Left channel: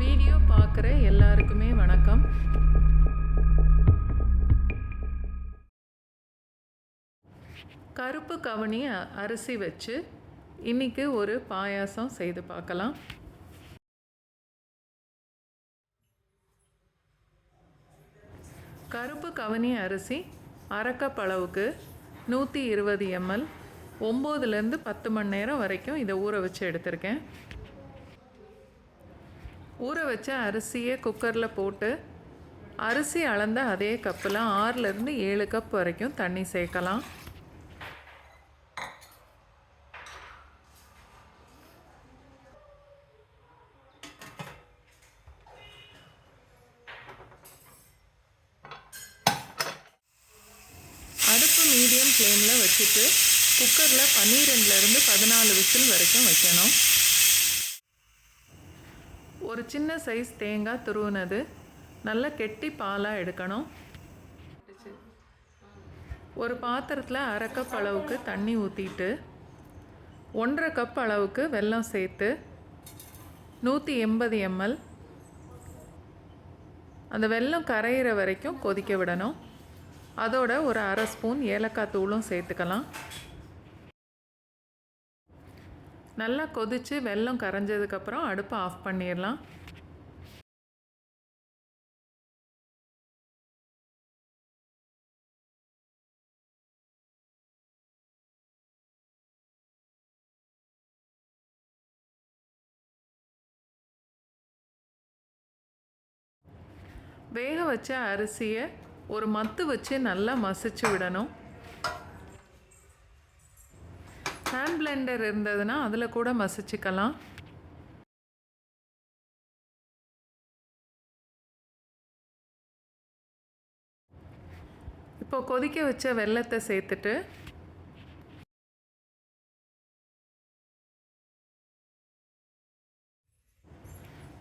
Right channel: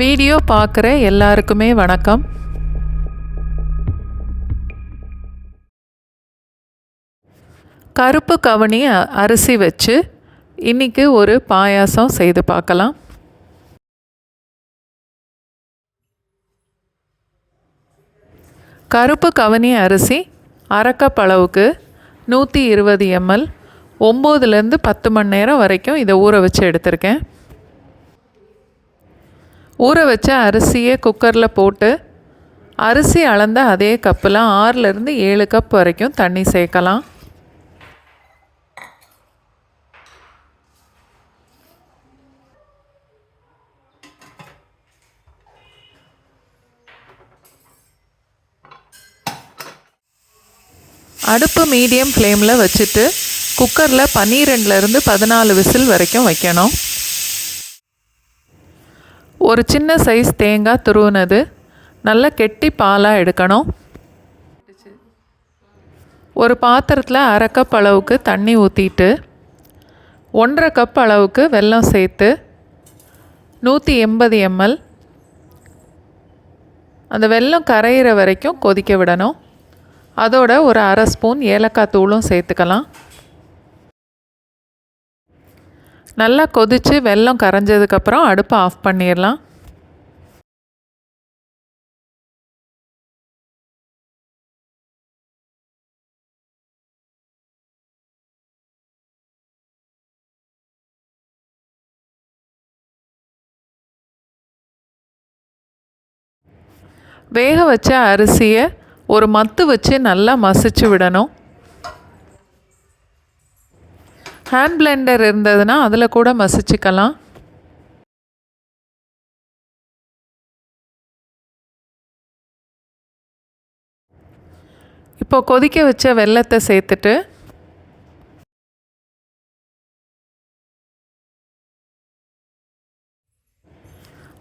Video பார்க்குற எல்லாருக்குமே வணக்கம். கருப்பு கவுனி அரிசி வச்சு இன்றைக்கி ஒரு பாயாசம் செய்து பார்க்கலாம். கருப்பு கவுனி அரிசி அரை கப் அளவுக்கு 120 ml 9லேருந்து 10 மணி நேரம் வரைக்கும் இதை ஊற வச்சு எடுத்திருக்கேன். ஊற வச்ச அரிசியை குக்கரில் போட்டு அரிசி அளந்த அதே கப்பில் 6லேருந்து 7 கப் வரைக்கும் தண்ணி சேர்க்கலாம். அடுப்பு மீடியம் ஃப்ளேமில் வச்சுட்டு குக்கரில் 12லேருந்து 14 விசில் வரைக்கும் வைக்கணும். ஒரு சின்ன சைஸ் தேங்காய் துருவுனது நல்ல கெட்டி பாலாக எடுக்கணும். ஒரு பாத்திரத்தில் அரை கப் அளவுக்கு தண்ணி ஊற்றிட்டு 1.5 கப் அளவுக்கு வெல்லம் சேர்த்து 180 ml அந்த வெல்லம் கரையிற வரைக்கும் கொதிக்க விடணும். அதோட ஒரு அரை ஸ்பூன் ஏலக்காய் தூளும் சேர்த்துக்கலாம். நல்லா கொதித்து வெல்லம் கரைஞ்சதுக்கப்புறம் அடுப்பை ஆஃப் பண்ணிடலாம். வேக வச்ச அரிசியை ஒரு மத்து வச்சு நல்லா மசிச்சு விடணும். ஹேண்ட் பிளெண்டர் இருந்ததுன்னா அதில் கூட மசிச்சுக்கலாம். இப்போ கொதிக்க வச்ச வெல்லத்தை சேர்த்துட்டு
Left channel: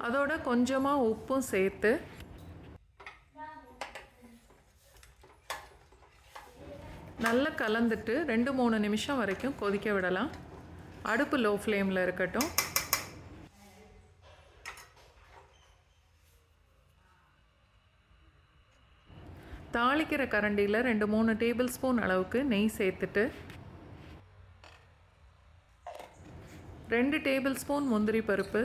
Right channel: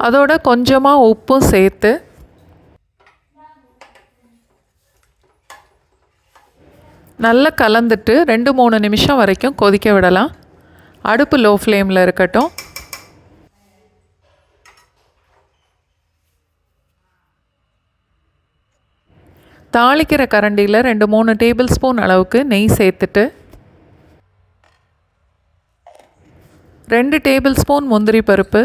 அதோட கொஞ்சமாக உப்பும் சேர்த்து நல்லா கலந்துட்டு 2-3 நிமிஷம் வரைக்கும் கொதிக்க விடலாம். அடுப்பு லோ ஃப்ளேமில் இருக்கட்டும். தாளிக்கிற கரண்டியில் 2-3 டேபிள் ஸ்பூன் அளவுக்கு நெய் சேர்த்துட்டு 2 டேபிள் ஸ்பூன் முந்திரி பருப்பு,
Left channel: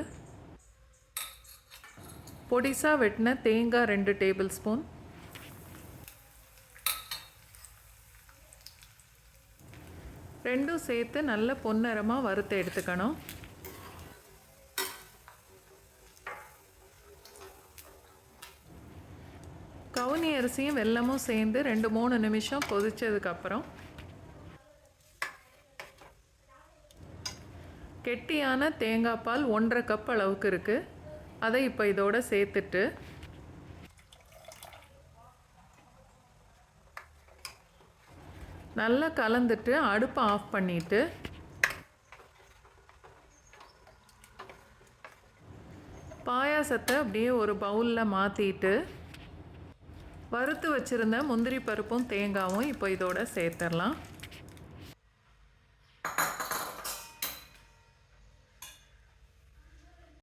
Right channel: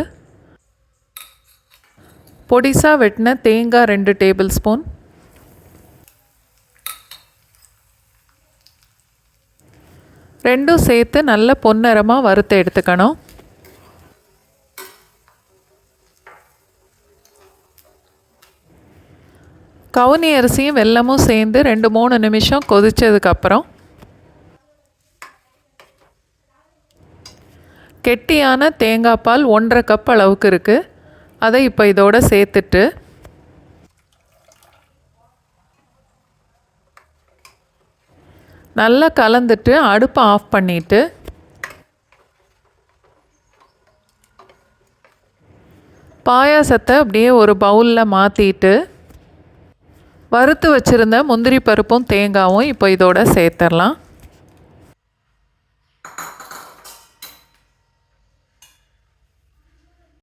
பொடிசாக வெட்டின தேங்காய் 2 டேபிள் ஸ்பூன், ரெண்டும் சேர்த்து நல்ல பொன்னிறமாக வறுத்து எடுத்துக்கணும். கவுனி அரிசியும் வெல்லமும் சேர்ந்து 2-3 நிமிஷம் கொதித்ததுக்கப்புறம் கெட்டியான தேங்காய் பால் 1.5 கப் அளவுக்கு இருக்குது. அதை இப்போ இதோட சேர்த்துட்டு நல்லா கலந்துட்டு அடுப்பை ஆஃப் பண்ணிவிட்டு பாயாசத்தை அப்படியே ஒரு பவுலில் மாற்றிட்டு வறுத்து வச்சுருந்த முந்திரி பருப்பும் தேங்காயும் இப்போ இதோட சேர்த்துடலாம்.